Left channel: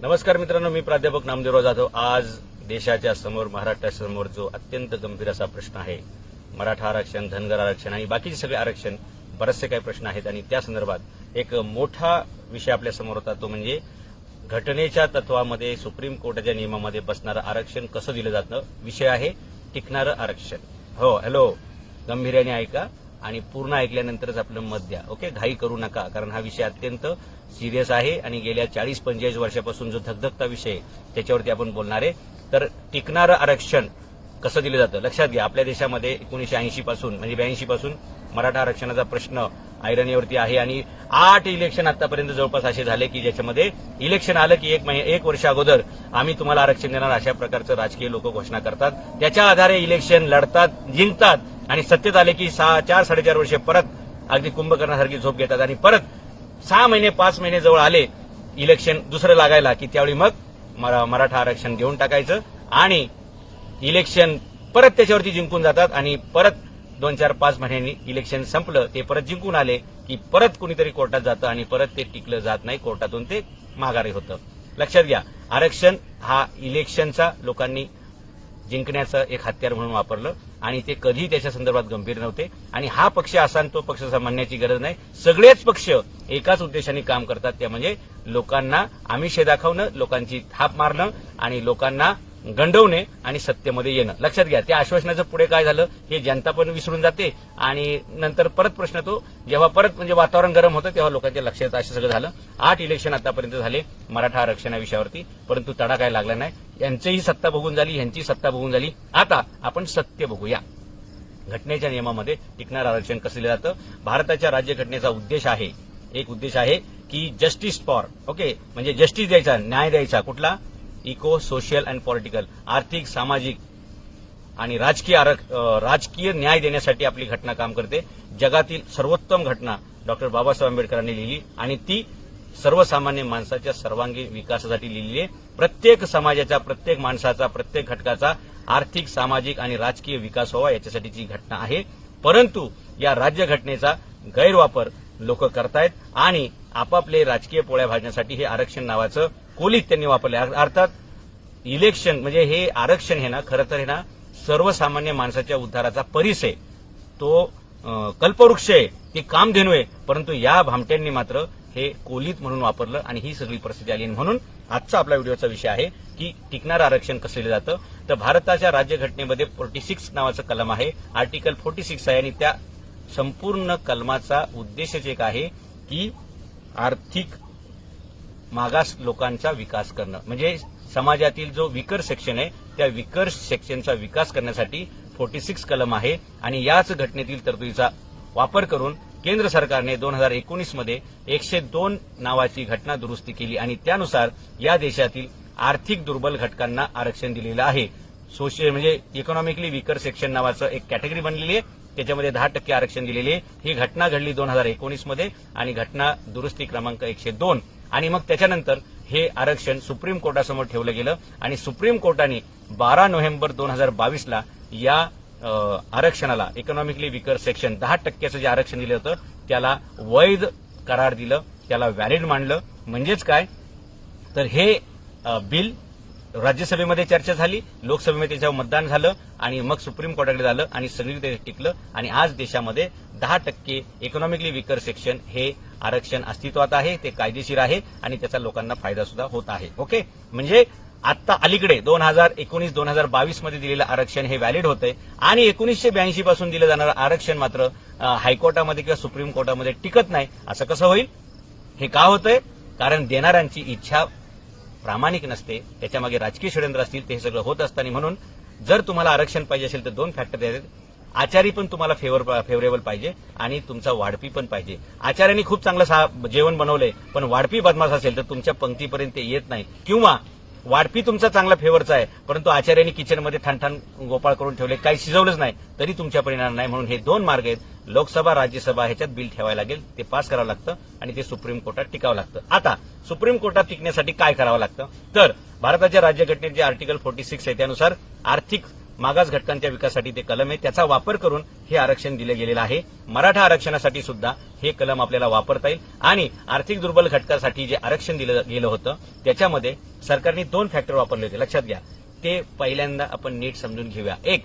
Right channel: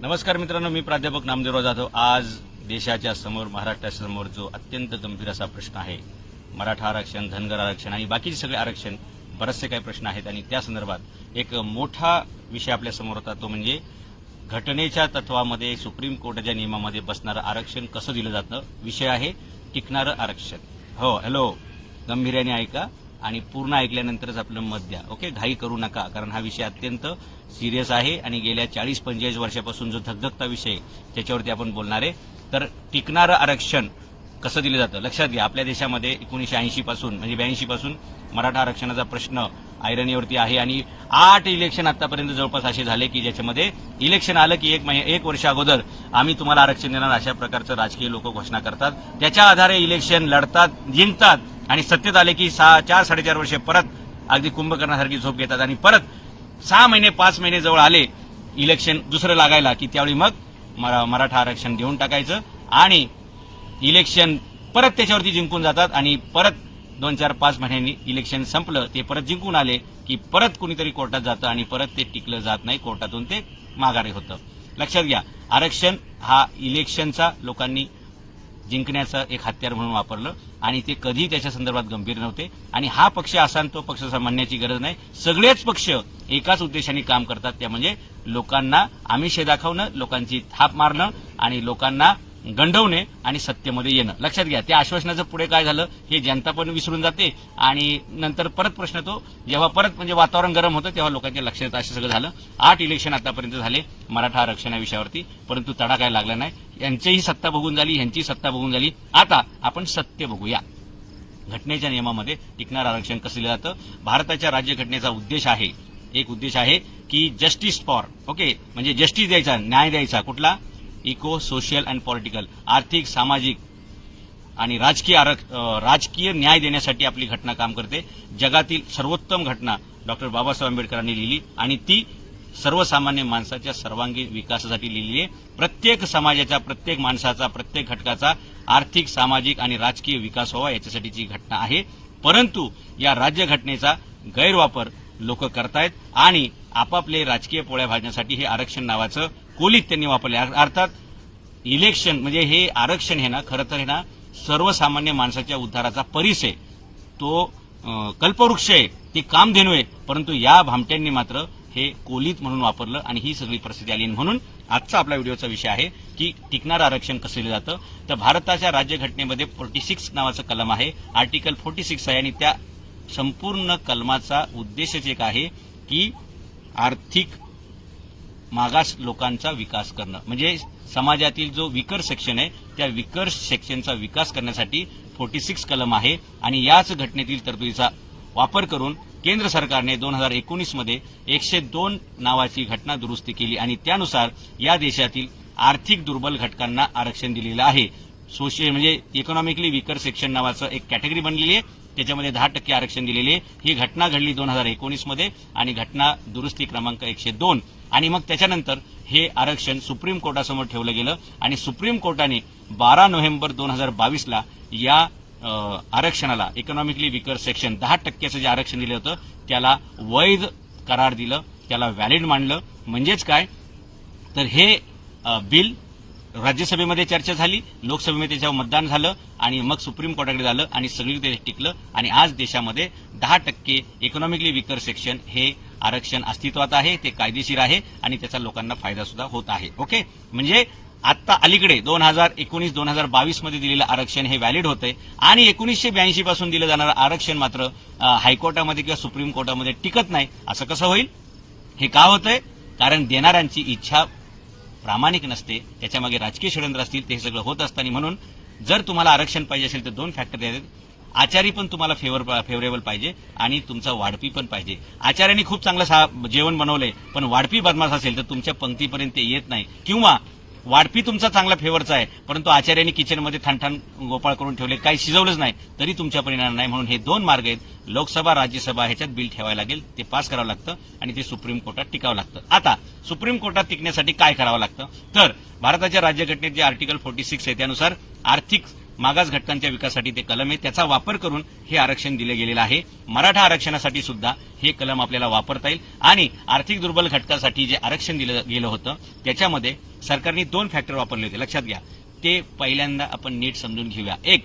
नमस्कार मित्रांनो, मी प्राध्यापक नामदेवराव जाधव. आज देशाच्या समोर, महाराष्ट्रासमोर जो अत्यंत गंभीर असा प्रश्न आहे, मराठा आरक्षण, धनगर आरक्षण आणि बाकीचे सगळे आरक्षण, बरेचसे काही प्रश्न आहेत आणि त्या संदर्भात एक मोठा विषय आपल्या समोर होता. तो म्हणजे घटनेच्या तत्वामध्ये, सुप्रीम कोर्टाच्या नियमामध्ये बसणारं आरक्षण कसं दिलं जातं. विषय आहे टिकणारं आरक्षण. हो, हॅलो, गंभीर्याने ऐका आणि पूर्ण ऐकल्यानंतरच आपलं मत द्या. ओके, घाई करू नका, कारण हा विषय अत्यंत सिरियस आहे आणि गेल्या 40-45 वर्षापासून जो धगधगता विषय आहे त्याच्यावरती आपण बोलणार आहे. तर टिकणारं आरक्षण कसं दिलं जातं लक्षात घ्या. आपल्या देशामध्ये 1980 पासून म्हणजे 82 पासून मराठा आरक्षणाचा प्रश्न ऐरणीवरती आहे आणि 8 इलेक्शन आतापर्यंत जवळपास असे झाले की ज्याच्यामध्ये इलेक्शन आलं की एक वर्ष अगोदर आम्ही तुम्हाला आरक्षण देणार अशा प्रकारचं राजकीय लोक घोषणा करतात. त्याच्या आधारे इलेक्शन लढतात, जिंकतात आणि सत्तेत आले की 4-4.5 वर्षे परत अगदी कुंभकर्णासारखी झोप घेतात आणि परत 6 महिने 5 महिने जवळ आले इलेक्शन दुसरं लागायला की त्यावेळी मग मराठा आरक्षण घेऊन टाकायचं आणि इलेक्शन परत त्याच्यावरती जिंकून जातात आणि परत 2-4-5 महिन्यांनी इलेक्शन संपलं, ते परत जिंकून आले की परत कुणीतरी कोर्टात जातं आणि परत ते टिकलं जात नाही, कोर्टातून ते माघारी होतं. लक्षात घ्या, आरक्षण हा इलेक्शनचा लोकांनी जिंकण्याचं एक हत्यार म्हणून वापरलं आणि ते कधी त्याच्या संदर्भात गंभीर नव्हते. आणि हा पक्ष असा तो पक्ष म्हणण्याची गरज नाही. सगळेच पक्ष एकाच उद्देशाने काम करतात, त्या म्हणजे लोकांना आमिषे दाखवणं, लोकांची थाप मारणं आणि लोकांना गंडवणे आणि सत्तेमध्ये येणं. लक्षात घ्या, त्या आश्वासनाचं पुढे काय झालं हे जनता पण विसरून जाते आणि नंतर परत प्रश्न तो जेव्हा परत म्हणजे वातावरण गरम होतं तेव्हा लोकांच्या लक्षात असं सगळं झालं. 8 इलेक्शन आतापर्यंत झाले मराठा आरक्षण या विषयावरती, परंतु तडा काय लागला नाही. यांचीही सत्ता बघून झाली, ह्यांची सत्ता बघून झाली. आता आपण सत्य बघूया. घटनेच्या नियमामध्ये टिकणारं आरक्षण कसं दिलं जातं. भारताच्या राज्यघटनेचा उद्देश आहे, एक उद्देश आहे की जस्टिस फॉर, ओके, म्हणजे जस्टिस द्यायचा, न्याय द्यायचा. कुठला? इको, सोशल अँड पॉलिटिकल, आर्थिक, सामाजिक आणि राजकीय न्याय देण्यासाठी आपली घटना काम करते. जगातील सर्वोत्तम घटना डॉक्टर बाबासाहेब आंबेडकरांनी लिहिली आणि ती सर्वसामान्य माणसाच्या सर्वांगीण विकासासाठी लिहिली आहे. प्रत्येक समाजाचा, प्रत्येक माणसाचा, प्रत्येक घटकाचा आर्थिक, सामाजिक आणि राजकीय विकास व्हावा याच्यासाठीची घटना आहे. परंतु या राज्यघटनेचा गैरवापर लोक करतायत आणि आपापले राजकीय पोळ्या भाजण्यासाठी हे आरक्षण नावाचं कोलीत त्यांनी वापरले. अर्थात इलेक्शन म्हणजे हे आरक्षण हे ना खरं तर हे ना सर्वसामान्य माणसाच्या उद्धाराचा परिस आहे, तो कल्पवृक्ष आहे, ते कामधेनू आहे. परंतु या भामट्यांनी मात्र हे कोलीत म्हणून वापरलं आणि ही सगळी परिस्थिती आली. म्हणून आजचा आपल्या व्हिडिओचा विषय आहे की टिकणारं आरक्षण कसं दिलं जातं. तर भारताच्या राज्यघटनेमध्ये 46 नावाचं कलम आहे, आर्टिकल 46 आहे आणि त्या संपूर्ण कलमाचा उद्देशच एक आहे की आर्थिक मागास लोकांचा विकास करणं. म्हणजे समाजातील जो विकर सेक्शन आहे त्या विकर सेक्शनचा विकास करण्यासाठी 46 कलम आहे आणि याच घटनेतील तरतुदीचा वापर करून केंद्र सरकारने 2019 मध्ये 102 नावाची घटना दुरुस्ती केली आणि त्यानुसार या देशातील आर्थिक दुर्बल घटकांना आरक्षण दिलेलं आहे. सोशल म्हणजे इकॉनॉमिकली विकर सेक्शन नावाचं एक कॅटेगरी बनलेली आहे, त्याच्यामध्ये 10% आरक्षण दिलेले आहे. ही घटना घडली 2019 मध्ये आणि घटना दुरुस्ती क्रमांक 102 आणि मग त्याच्यानंतर हे आरक्षण सुप्रीम कोर्टासमोर ठेवलं गेलं आणि सुप्रीम कोर्टाने 12 नोव्हेंबर 2022 ला या आरक्षणाला, इकॉनॉमिकली विकर सेक्शन 10%चं जे आरक्षण दिलं होतं त्याला वैध करार दिलं, त्याला व्हॅलिड मानलं. म्हणजेच काय तर हे बिल राज्यसभेमध्ये चर्चा झाली, लोकसभेमध्ये त्याच्यावर मतदान झालं आणि मग सुप्रीम कोर्टाकडे झालं आणि सगळीकडे टिकलं आणि आज देशामध्ये 10% इकॉनॉमिकली विकर सेक्शन हे आरक्षण अस्तित्वात आहे, ते कायदेशीर आहे आणि त्याचा लोकांना फायदा सुद्धा होत आहे. ओके, म्हणजे आता अलीकडे 2019-2022 मध्ये दिलेलं आरक्षण हे व्हॅलिड होतंय आणि 1982 पासून दिलं जाणारं आरक्षण मात्र हायकोर्टामध्ये किंवा सुप्रीम कोर्टामध्ये टिकत नाही. असं कसं होईल? हे का होतंय? कारण देणाऱ्यांची इच्छा प्रामाणिक नसते, त्याच्यामागे राजकीय षडयंत्र असतील, ते सगळं होत असतं. आणि म्हणून जर तुम्हाला आरक्षण पाहिजे असेल तर 2 फॅक्टर आहेत. आचारी पण तुम्हाला फेवरेबल पाहिजे आणि तुमचा वाढपी पण पाहिजे. आचार्यांनी खूप चांगलं जेवण बनवलंय पण वाढपी बदमाश असेल तर तुमच्या पंक्तीपर्यंत ते येत नाही, किंवा वाढपी तुमचा चांगला फेवरचा आहे परंतु आचार्यांनी किचनमध्ये ठाणठाण गोपाळ करून ठेवले, काही शिजवलंच नाही तरी तुमच्यापर्यंत येणार नाही. म्हणून हे 2 मार्ग आहेत, लोकसभा, राज्यसभा, ह्याच्यात बिल ठेवायला लागेल, ते पास करावं लागतं आणि ते सुप्रीम कोर्टात टिकावं लागतं. आता सुप्रीम कोर्टात टिकण्यासाठी काय करावं लागतं तर भारताच्या राज्यघटनेत जे आर्टिकल 46 आहे त्यानुसार आर्थिक मागास घटकांच्या विकासासाठी ते कलम आहे, त्याचा वापर करून हे आरक्षण दिलं गेलेलं आहे. मराठा आरक्षणासाठी सुद्धा हे कलम आपल्याला वापरता येईल. आणि आर्थिक दुर्बल घटकासाठी जे आरक्षण दिलं गेलं होतं त्याच्यामध्ये सरकारने 2 फॅक्टर वापरले होते, लक्षात घ्या. ते पहिल्यांदा आपण नीट समजून घेऊया. एक,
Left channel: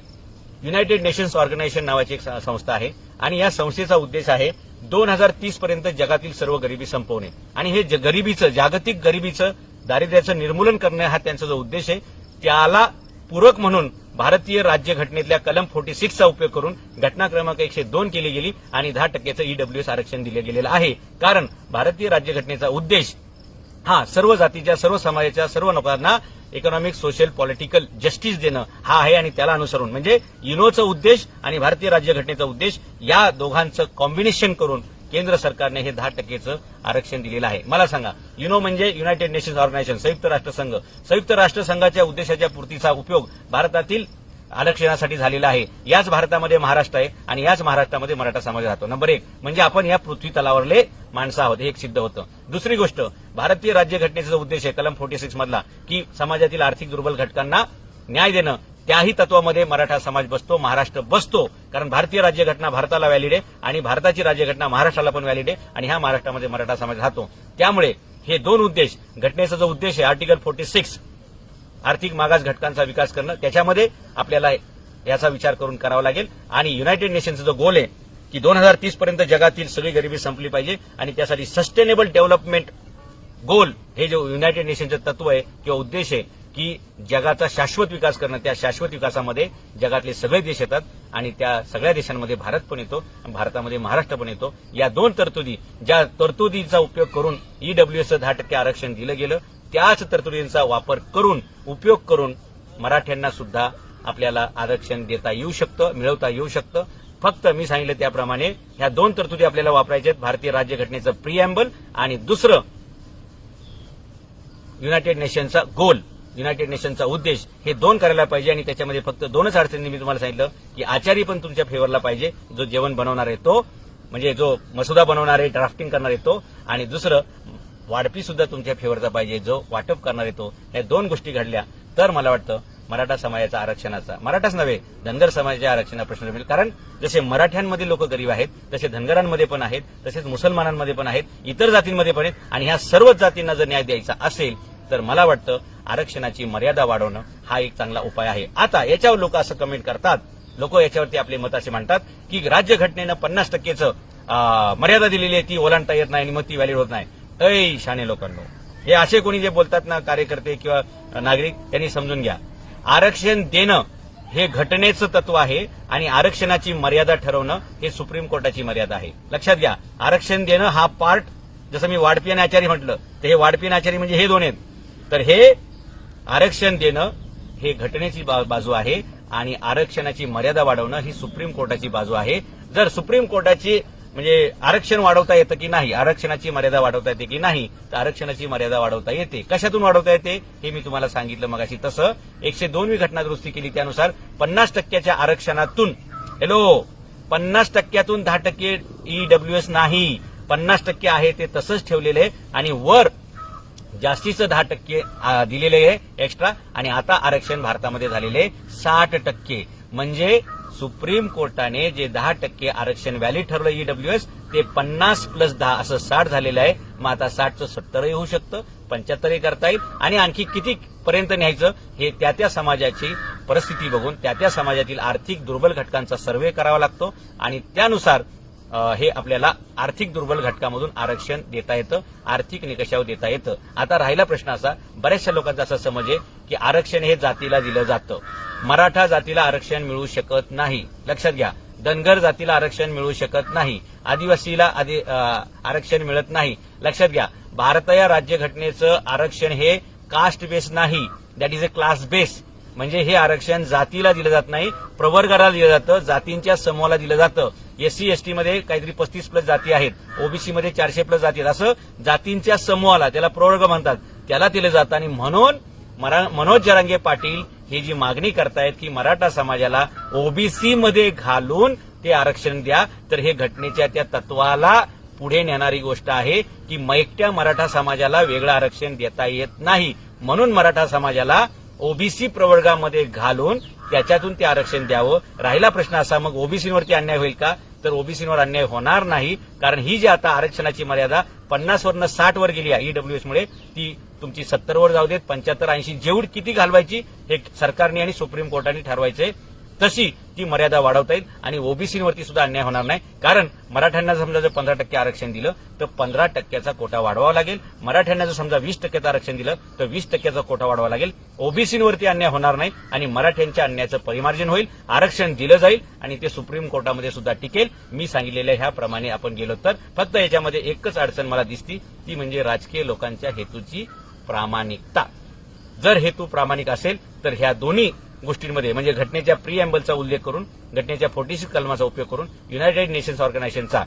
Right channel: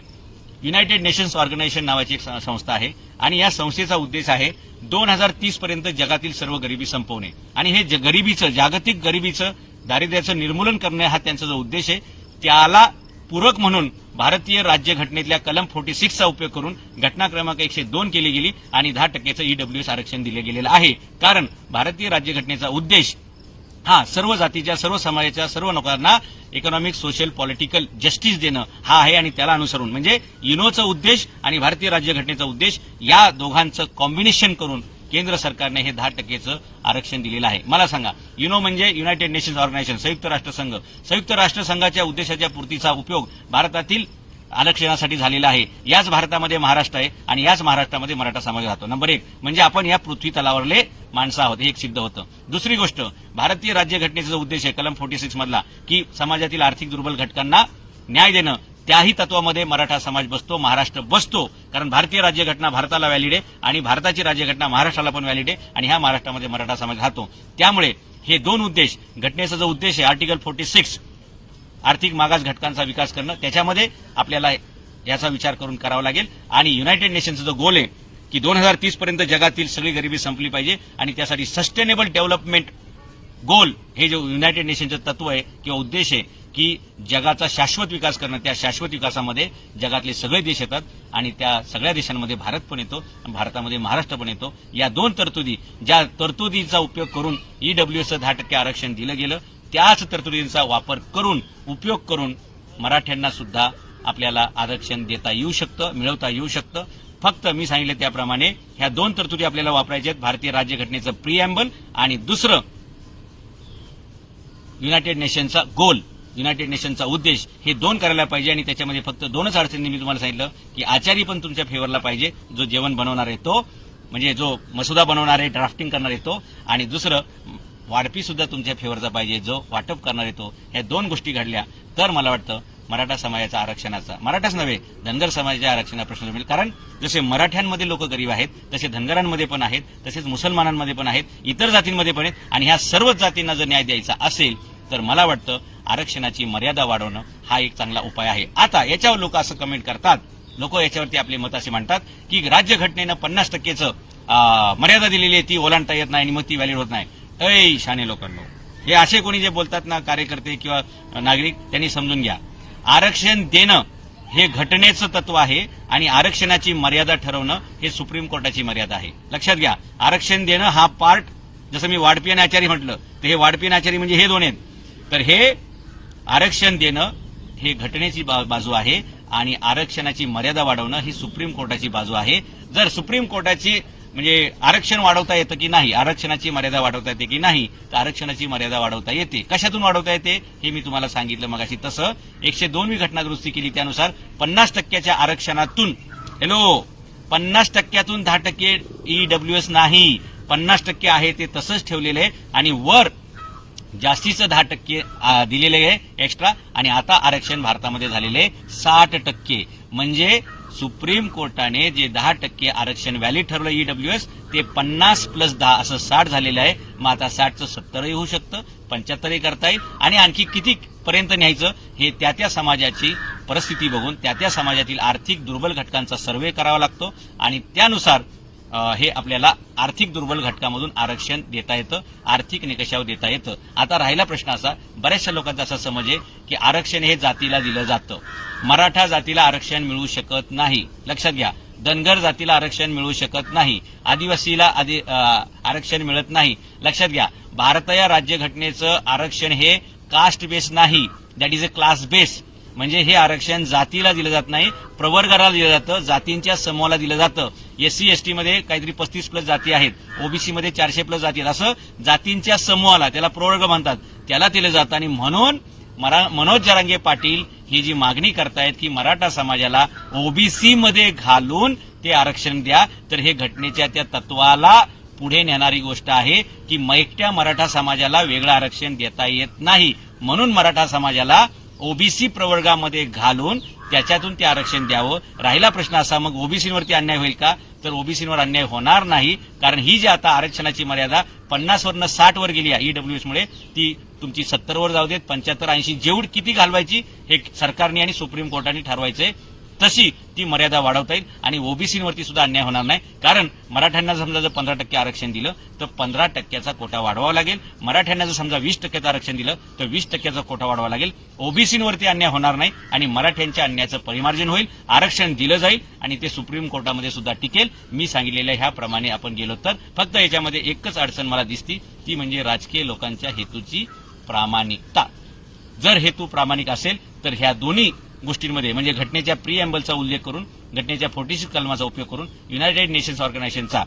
युनायटेड नेशन्स ऑर्गनायझेशन नावाची एक संस्था आहे आणि या संस्थेचा उद्देश आहे 2030 पर्यंत जगातील सर्व गरिबी संपवणे आणि हे गरिबीचं, जागतिक गरिबीचं, दारिद्र्याचं निर्मूलन करणे हा त्यांचा जो उद्देश आहे त्याला पूरक म्हणून भारतीय राज्यघटनेतल्या कलम 46 चा उपयोग करून घटना क्रमांक 102 केली गेली आणि 10% ईडब्ल्यूएस आरक्षण दिले गेलेलं आहे. कारण भारतीय राज्यघटनेचा उद्देश हा सर्व जातीच्या, सर्व समाजाच्या, सर्व लोकांना इकॉनॉमिक, सोशल, पॉलिटिकल जस्टिस देणं हा आहे आणि त्याला अनुसरून म्हणजे युनोचा उद्देश आणि भारतीय राज्यघटनेचा उद्देश या दोघांचं कॉम्बिनेशन करून केंद्र सरकारने हे 10% आरक्षण दिलेलं आहे. मला सांगा, युनो म्हणजे युनायटेड नेशन्स ऑर्गनायझेशन, संयुक्त राष्ट्रसंघ. संयुक्त राष्ट्रसंघाच्या उद्देशाच्या पूर्तीचा उपयोग भारतातील आरक्षणासाठी झालेला आहे. याच भारतामध्ये महाराष्ट्र आहे आणि याच महाराष्ट्रामध्ये मराठा समाज राहतो. नंबर 1 म्हणजे आपण या पृथ्वी तलावरले माणसं आहोत, हे एक सिद्ध होतं. दुसरी गोष्ट, भारतीय राज्यघटनेचा जो उद्देश आहे कलम 46 मधला की समाजातील आर्थिक दुर्बल घटकांना न्याय देणं, त्याही तत्वामध्ये मराठा समाज बसतो, महाराष्ट्र बसतो. कारण भारतीय राज्यघटना भारताला व्हॅलिड आहे आणि भारताची राज्यघटना महाराष्ट्राला पण व्हॅलिड आहे आणि ह्या महाराष्ट्रामध्ये मराठा समाज राहतो. त्यामुळे हे 2 उद्देश, घटनेचा जो उद्देश आहे आर्टिकल 46 आर्थिक मागास घटकांचा विकास करणं, त्याच्यामध्ये आपल्याला याचा विचार करून करावा लागेल. आणि युनायटेड नेशनचा जो गोल आहे की 2030 पर्यंत जगातील सगळी गरिबी संपली पाहिजे आणि त्यासाठी सस्टेनेबल डेव्हलपमेंट गोल हे जो युनायटेड नेशनचं तत्व आहे किंवा उद्देश आहे की जगाचा शाश्वत विकास करणं, त्या शाश्वत विकासामध्ये जगातले सगळे देश येतात आणि त्या सगळ्या देशांमध्ये भारत पण येतो आणि भारतामध्ये महाराष्ट्र पण येतो. या 2 तरतुदी, ज्या तरतुदीचा उपयोग करून ईडब्ल्यूएसचं 10% आरक्षण दिलं गेलं, त्याच तरतुदींचा वापर करून, उपयोग करून मराठ्यांना सुद्धा आपल्याला आरक्षण देता येऊ शकतं, मिळवता येऊ शकतं. फक्त मी सांगितलं त्याप्रमाणे ह्या 2 तरतुदी आपल्याला वापरायच्या आहेत, भारतीय राज्यघटनेचं प्रिएम्बल आणि दुसरं युनायटेड नेशनचा गोल, युनायटेड नेशनचा उद्देश. हे 2 करायला पाहिजे आणि त्याच्यामध्ये फक्त 2च अडचणी मी तुम्हाला सांगितलं की आचारी पण तुमच्या फेवरला पाहिजे, जो जेवण बनवणार आहे तो, म्हणजे जो मसुदा बनवणार आहे, ड्राफ्टिंग करणार आहे तो, आणि दुसरं वाढपी सुद्धा तुमच्या फेवरचा पाहिजे, जो वाटप करणार आहे तो. ह्या 2 गोष्टी घडल्या तर मला वाटतं मराठा समाजाचा आरक्षणाचा, मराठाच नव्हे धनगर समाजाच्या आरक्षणाचा प्रश्न मिळेल. कारण जसे मराठ्यांमध्ये लोक गरीब आहेत तसे धनगरांमध्ये पण आहेत, तसेच मुसलमानांमध्ये पण आहेत, इतर जातींमध्ये पण आहेत आणि ह्या सर्वच जातींना जर न्याय द्यायचा असेल तर मला वाटतं आरक्षणाची मर्यादा वाढवणं हा एक चांगला उपाय आहे. आता याच्यावर लोक असं कमेंट करतात, लोक याच्यावरती आपले मत असे मांडतात की राज्यघटनेनं 50%चं मर्यादा दिलेली आहे, ती ओलांडता येत नाही आणि मग ती व्हॅलिड होत नाही. ऐ शाने लोकांनो, हे असे कोणी जे बोलतात ना, कार्यकर्ते किंवा नागरिक, त्यांनी समजून घ्या, आरक्षण देणं हे घटनेचं तत्व आहे आणि आरक्षणाची मर्यादा ठरवणं हे सुप्रीम कोर्टाची मर्यादा आहे. लक्षात घ्या, आरक्षण देणं हा पार्ट, जसं मी वाढपी आणि आचारी म्हटलं तर हे वाढपी आणि आचारी म्हणजे हे 2 आहेत, तर हे आरक्षण देणं हे घटनेची बाजू आहे आणि आरक्षणाची मर्यादा वाढवणं ही सुप्रीम कोर्टाची बाजू आहे. जर सुप्रीम कोर्टाची म्हणजे आरक्षण वाढवता येतं की नाही, आरक्षणाची मर्यादा वाढवता येते की नाही, तर आरक्षणाची मर्यादा वाढवता येते. कशातून वाढवता येते हे मी तुम्हाला सांगितलं मगाशी. तसं 102वी घटना दुरुस्ती केली त्यानुसार 50%च्या आरक्षणातून 50%तून 10% ईडब्ल्यूएस नाही, 50% आहे ते तसंच ठेवलेलं आहे आणि वर जास्तीचं 10% दिलेले आहे एक्स्ट्रा आणि आता आरक्षण भारतामध्ये झालेले 60%. म्हणजे सुप्रीम कोर्टाने जे 10% आरक्षण व्हॅलिड ठरवलं ईडब्ल्यूएस ते 50 + 10 असं 60 झालेलं आहे. मग आता 60चं 70 होऊ शकतं, 75 करता येईल आणि आणखी किती पर्यंत न्यायचं हे त्या समाजाची परिस्थिती बघून, त्या समाजातील आर्थिक दुर्बल घटकांचा सर्व्हे करावा लागतो आणि त्यानुसार हे आपल्याला आर्थिक दुर्बल घटकामधून आरक्षण देता येतं, आर्थिक निकषावर देता येतं. आता राहिला प्रश्न असा, बऱ्याचशा लोकांचा असा समज आहे की आरक्षण हे जातीला दिलं जातं, मराठा जातीला आरक्षण मिळू शकत नाही. लक्षात घ्या, धनगर जातीला आरक्षण मिळू शकत नाही, आदिवासीला आरक्षण मिळत नाही. लक्षात घ्या, भारतीय राज्यघटनेचं आरक्षण हे कास्ट बेस नाही, that is a class base. म्हणजे हे आरक्षण जातीला दिलं जात नाही, प्रवर्गाला दिलं जातं, जातींच्या समूहाला दिलं जातं. एससी एसटी मध्ये काहीतरी 35+ जाती आहेत, ओबीसी मध्ये 400+ जाती आहेत, असं जातींच्या समूहाला, त्याला प्रवर्ग म्हणतात, त्याला दिलं जातं. आणि म्हणून मनोज जरांगे पाटील ही जी मागणी करतायत की मराठा समाजाला ओबीसी मध्ये घालून ते आरक्षण द्या, तर हे घटनेच्या त्या तत्वाला पुढे नेणारी गोष्ट आहे की एकट्या मराठा समाजाला वेगळं आरक्षण देता येत नाही. म्हणून मराठा समाजाला ओबीसी प्रवर्गामध्ये घालून त्याच्यातून ते आरक्षण द्यावं. राहिला प्रश्न असा, मग ओबीसीवरती अन्याय होईल का? तर ओबीसीवर अन्याय होणार नाही, कारण ही जी आता आरक्षणाची मर्यादा 50 वरनं 60 वर गेली आहे ईडब्ल्यूएस मुळे, ती तुमची 70 वर जाऊ देत, 75, 80 जेवढी किती घालवायची हे सरकारने आणि सुप्रीम कोर्टाने ठरवायचंय. तशी ती मर्यादा वाढवता येईल आणि ओबीसीवरती सुद्धा अन्याय होणार नाही. कारण मराठ्यांना समजा जर 15% आरक्षण दिलं तर 15%चा कोटा वाढवावा लागेल. मराठ्यांना जर समजा 20% आरक्षण दिलं तर 20%चा कोटा वाढवावा लागेल. ओबीसीवरती अन्याय होणार नाही आणि मराठ्यांच्या अन्यायाचं परिमार्जन होईल. आरक्षण दिलं जाईल आणि ते सुप्रीम कोर्टामध्ये सुद्धा टिकेल. मी सांगितलेल्या ह्याप्रमाणे आपण गेलो तर फक्त याच्यामध्ये एकच अडचण मला दिसती, ती म्हणजे राजकीय लोकांच्या हेतूची प्रामाणिकता. जर हेतू प्रामाणिक असेल तर ह्या दोन्ही गोष्टींमध्ये म्हणजे घटनेच्या प्रिएम्बलचा उल्लेख करून, घटनेच्या 46 कलमाचा उपयोग करून युनायटेड नेशन्स ऑर्गनायझेशनचा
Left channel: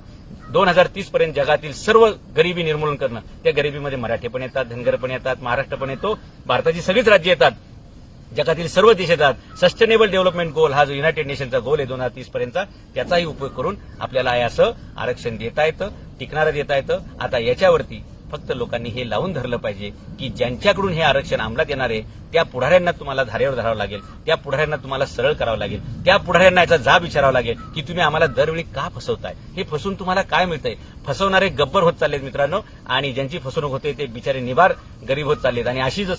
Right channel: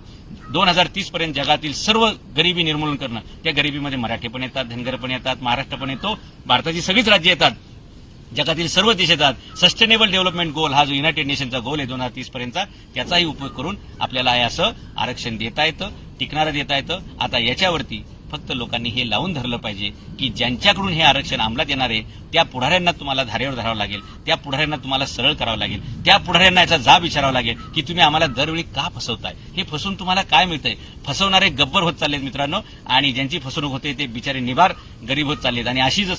2030 पर्यंत जगातील सर्व गरिबी निर्मूलन करणं, त्या गरिबीमध्ये मराठी पण येतात, धनगर पण येतात, महाराष्ट्र पण येतो, भारताची सगळीच राज्य येतात, जगातील सर्व देश येतात. सस्टेनेबल डेव्हलपमेंट गोल हा जो युनायटेड नेशनचा गोल आहे 2030 पर्यंतचा, त्याचाही उपयोग करून आपल्याला असं आरक्षण देता येतं, टिकणारं देता येतं. आता याच्यावरती फक्त लोकांनी हे लावून धरलं पाहिजे की ज्यांच्याकडून हे आरक्षण अंमलात येणार आहे त्या पुढाऱ्यांना तुम्हाला धारेवर धरावं लागेल, त्या पुढाऱ्यांना तुम्हाला सरळ करावं लागेल, त्या पुढाऱ्यांना याचा जाब विचारावा लागेल की तुम्ही आम्हाला दरवेळी का फसवताय, हे फसून तुम्हाला काय मिळतंय. फसवणारे गब्बर होत चाललेत मित्रांनो, आणि ज्यांची फसवणूक होते ते बिचारे निबार गरीब होत चाललेत. आणि अशी जर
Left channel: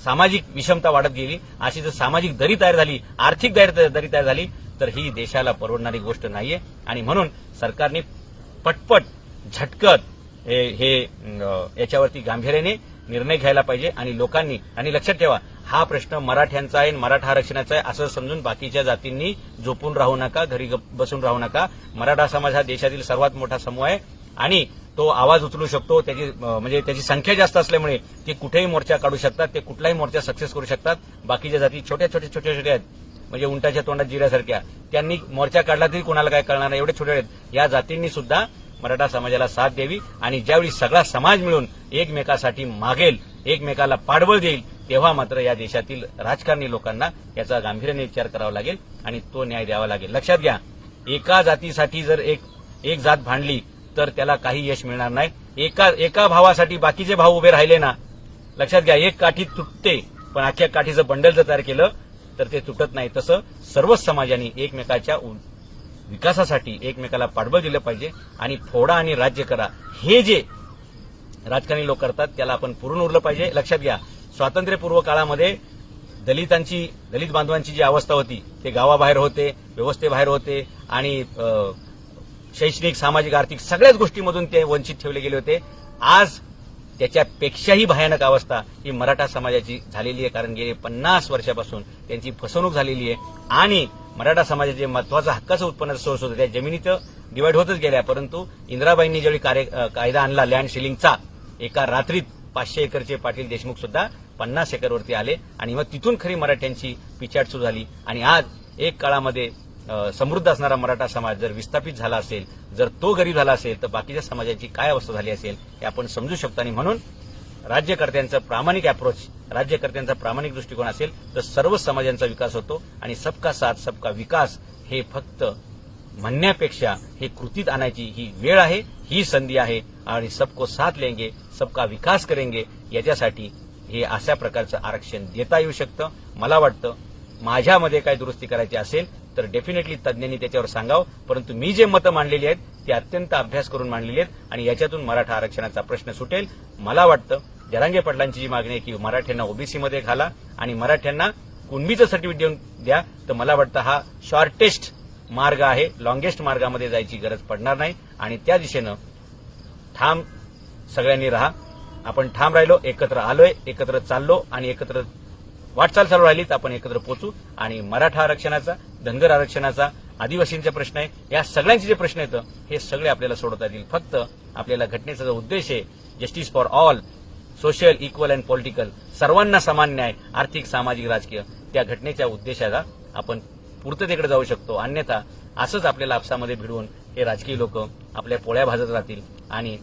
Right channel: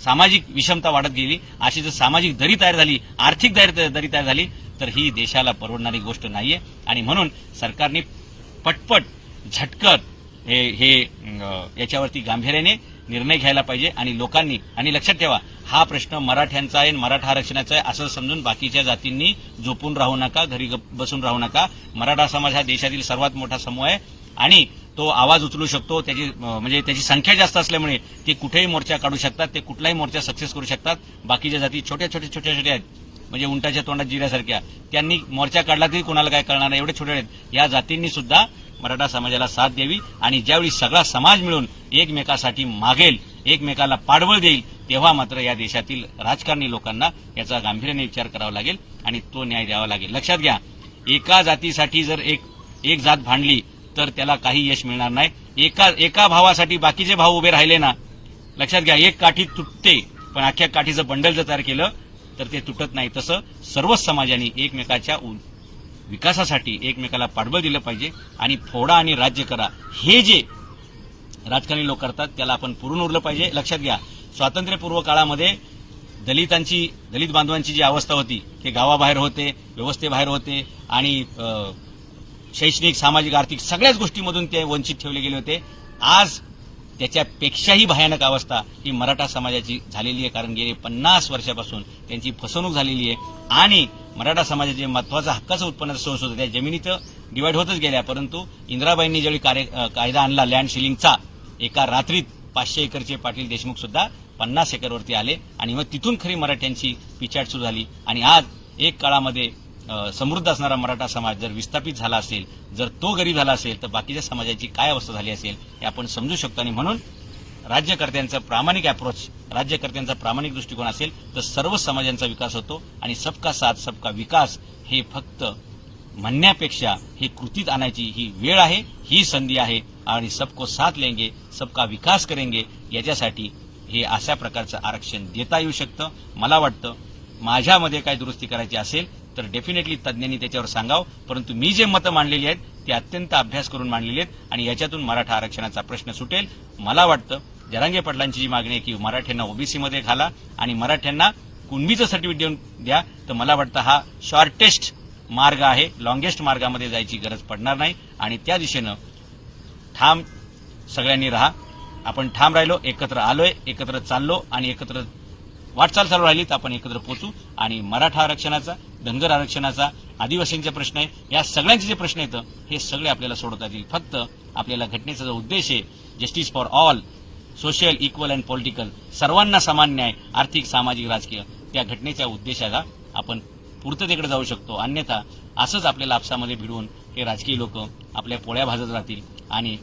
सामाजिक विषमता वाढत गेली, अशी जर सामाजिक दरी तयार झाली, आर्थिक दरी तयार झाली, तर ही देशाला परवडणारी गोष्ट नाहीये. आणि म्हणून सरकारने पटपट झटकत हे याच्यावरती गांभीर्याने निर्णय घ्यायला पाहिजे. आणि लोकांनी, आणि लक्षात ठेवा, हा प्रश्न मराठ्यांचा आहे, मराठा आरक्षणाचा आहे असं समजून बाकीच्या जातींनी झोपून राहू नका, घरी बसून राहू नका. मराठा समाज हा देशातील सर्वात मोठा समूह आहे आणि तो आवाज उचलू शकतो. त्याची संख्या जास्त असल्यामुळे ते कुठेही मोर्चा काढू शकतात, ते कुठलाही मोर्चा सक्सेस करू शकतात. बाकीच्या जाती छोट्या आहेत, म्हणजे उंटाच्या तोंडात जिऱ्यासारख्या, त्यांनी मोर्चा काढला तरी कोणाला काय कळणार नाही, एवढे छोटे आहेत. या जातींनी सुद्धा मराठा समाजाला साथ द्यावी आणि ज्यावेळी सगळा समाज मिळून एकमेकासाठी मागेल, एकमेकाला पाठबळ देईल, तेव्हा मात्र या देशातील राजकारणी लोकांना याचा गांभीर्याने विचार करावा लागेल आणि तो न्याय द्यावा लागेल. लक्षात घ्या, एका जातीसाठी जर एक जात भांडली तर त्याला काही यश मिळणार नाही. एका भावासाठी बाकीचे भाव उभे राहिले ना, लक्षात घ्या, एक काठी तुटते पण अख्ख्या काठीचं बंडल जर तयार केलं तर ते तुटत नाही. तसं सर्वच समाजांनी एकमेकाच्या विकासासाठी एकमेकाला पाठबळ दिलं पाहिजे. आणि फोडा आणि राज्य करा हे जे राजकारणी लोक करतात त्याला आपण पुरून उरलं पाहिजे. लक्षात घ्या, स्वातंत्र्यपूर्व काळामध्ये दलित बांधवांची जी अवस्था होती, ते गावाबाहेर होते, व्यवस्थेबाहेर होते आणि शैक्षणिक, सामाजिक, आर्थिक सगळ्याच गोष्टींमधून ते वंचित ठेवले गेले होते. आज त्याच्यापेक्षाही भयानक अवस्था ही मराठा समाजाची झालेली आहे, कारण गेले 50 वर्षापासून त्यांची फसवणूक झालेली आहे. आणि मराठा समाजाचे महत्वाचा हक्काचं उत्पन्नाचा सोर्स होता, त्या जमिनीचं डिवाइड होतच गेल्या. परंतु इंदिराबाईंनी ज्यावेळी कायदा आणला लँड सिलिंगचा, एका रात्रीत 500 एकरचे पाटील देशमुख सुद्धा 50 एकरवरती आले आणि मग तिथून खरी मराठ्यांची पिछाड सुरू झाली. आणि आज एक काळामध्ये समृद्ध असणारा मराठा समाज जर विस्थापित झाला असेल, जर तो गरीब झाला असेल, तर बाकीच्या समाजाची काय अवस्था झाली असेल हे आपण समजू शकतो. आणि म्हणून राज्यकर्त्यांचं प्रामाणिक अप्रोच, राज्यकर्त्यांचा प्रामाणिक दृष्टिकोन असेल तर सर्व समाजांचा विकास होतो. आणि सबका साथ सबका विकास हे फक्त म्हणण्यापेक्षा हे कृतीत आणायची ही वेळ आहे, ही संधी आहे. आणि सबको साथ लेंगे, सबका विकास करेंगे, याच्यासाठी हे अशा प्रकारचं आरक्षण देता येऊ शकतं. मला वाटतं माझ्यामध्ये काय दुरुस्ती करायची असेल तर डेफिनेटली तज्ज्ञांनी त्याच्यावर सांगावं. परंतु मी जे मतं मांडलेली आहेत ते अत्यंत अभ्यास करून मांडलेली आहेत आणि याच्यातून मराठा आरक्षणाचा प्रश्न सुटेल. मला वाटतं जरांगे पाटलांची जी मागणी आहे की मराठ्यांना ओबीसीमध्ये घाला आणि मराठ्यांना कुणबीचं सर्टिफिकेट देऊन द्या, तर मला वाटतं हा शॉर्टेस्ट मार्ग आहे, लॉंगेस्ट मार्गामध्ये जायची गरज पडणार नाही. आणि त्या दिशेनं ठाम सगळ्यांनी राहा. आपण ठाम राहिलो, एकत्र आलोय, एकत्र चाललो आणि एकत्र वाटचाल चालू राहिली तर आपण एकत्र पोहोचू. आणि मराठा आरक्षणाचा, धनगर आरक्षणाचा, आदिवासींचे प्रश्न आहे, या सगळ्यांचे जे प्रश्न आहेत हे सगळे आपल्याला सोडवता येतील. फक्त आपल्याला घटनेचा जो उद्देश आहे, justice for all, social, equal and political, सर्वांना समान न्याय, आर्थिक, सामाजिक, राजकीय, त्या घटनेच्या उद्देशाला आपण पूर्ततेकडे जाऊ शकतो. अन्यथा असंच आपल्याला आपसामध्ये भिडवून हे राजकीय लोक आपल्या पोळ्या भाजत राहतील आणि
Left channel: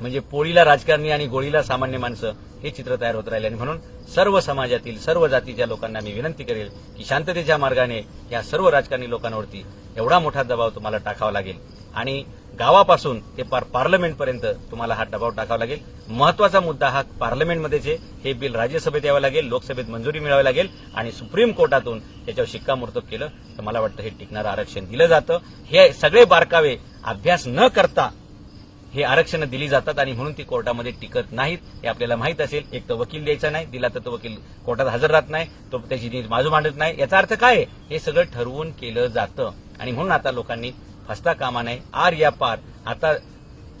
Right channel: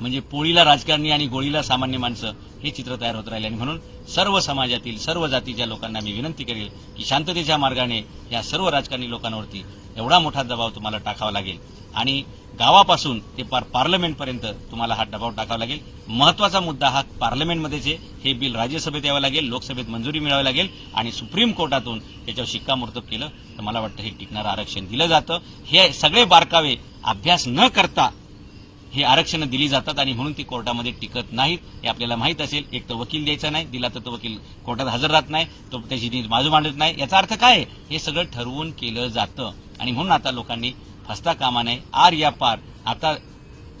म्हणजे पोळीला राजकारणी आणि गोळीला सामान्य माणसं, हे चित्र तयार होत राहिले. आणि म्हणून सर्व समाजातील, सर्व जातीच्या लोकांना मी विनंती करेल की शांततेच्या मार्गाने या सर्व राजकारणी लोकांवरती एवढा मोठा दबाव तुम्हाला टाकावा लागेल आणि गावापासून ते पार्लमेंटपर्यंत तुम्हाला हा दबाव टाकावा लागेल. महत्वाचा मुद्दा हा पार्लमेंटमध्येच आहे. हे बिल राज्यसभेत यावं लागेल, लोकसभेत मंजुरी मिळावी लागेल आणि सुप्रीम कोर्टातून त्याच्यावर शिक्कामोर्तब केलं तर मला वाटतं हे टिकणारं आरक्षण दिलं जातं. हे सगळे बारकावे अभ्यास न करता हे आरक्षण दिली जातात आणि म्हणून ती कोर्टामध्ये टिकत नाहीत. हे आपल्याला माहीत असेल. एक तर वकील द्यायचा नाही, दिला तर तो वकील कोर्टात हजर राहत नाही, तो त्याची नीट बाजू मांडत नाही. याचा अर्थ काय आहे? हे सगळं ठरवून केलं जातं आणि म्हणून आता लोकांनी फसता कामा नये. आर या पार आता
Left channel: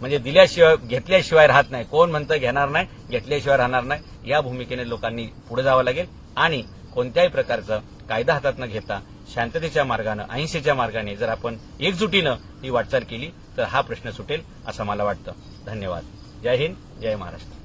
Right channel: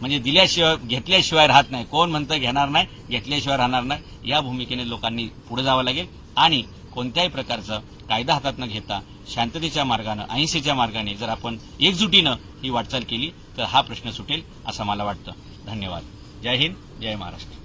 म्हणजे दिल्याशिवाय घेतल्याशिवाय राहत नाही. कोण म्हणतं घेणार नाही, घेतल्याशिवाय राहणार नाही. या भूमिकेने लोकांनी पुढे जावं लागेल आणि कोणत्याही प्रकारचं कायदा हातात न घेता शांततेच्या मार्गानं, अहिंसेच्या मार्गाने जर आपण एकजुटीनं ही वाटचाल केली तर हा प्रश्न सुटेल असं मला वाटतं. धन्यवाद. जय हिंद, जय महाराष्ट्र.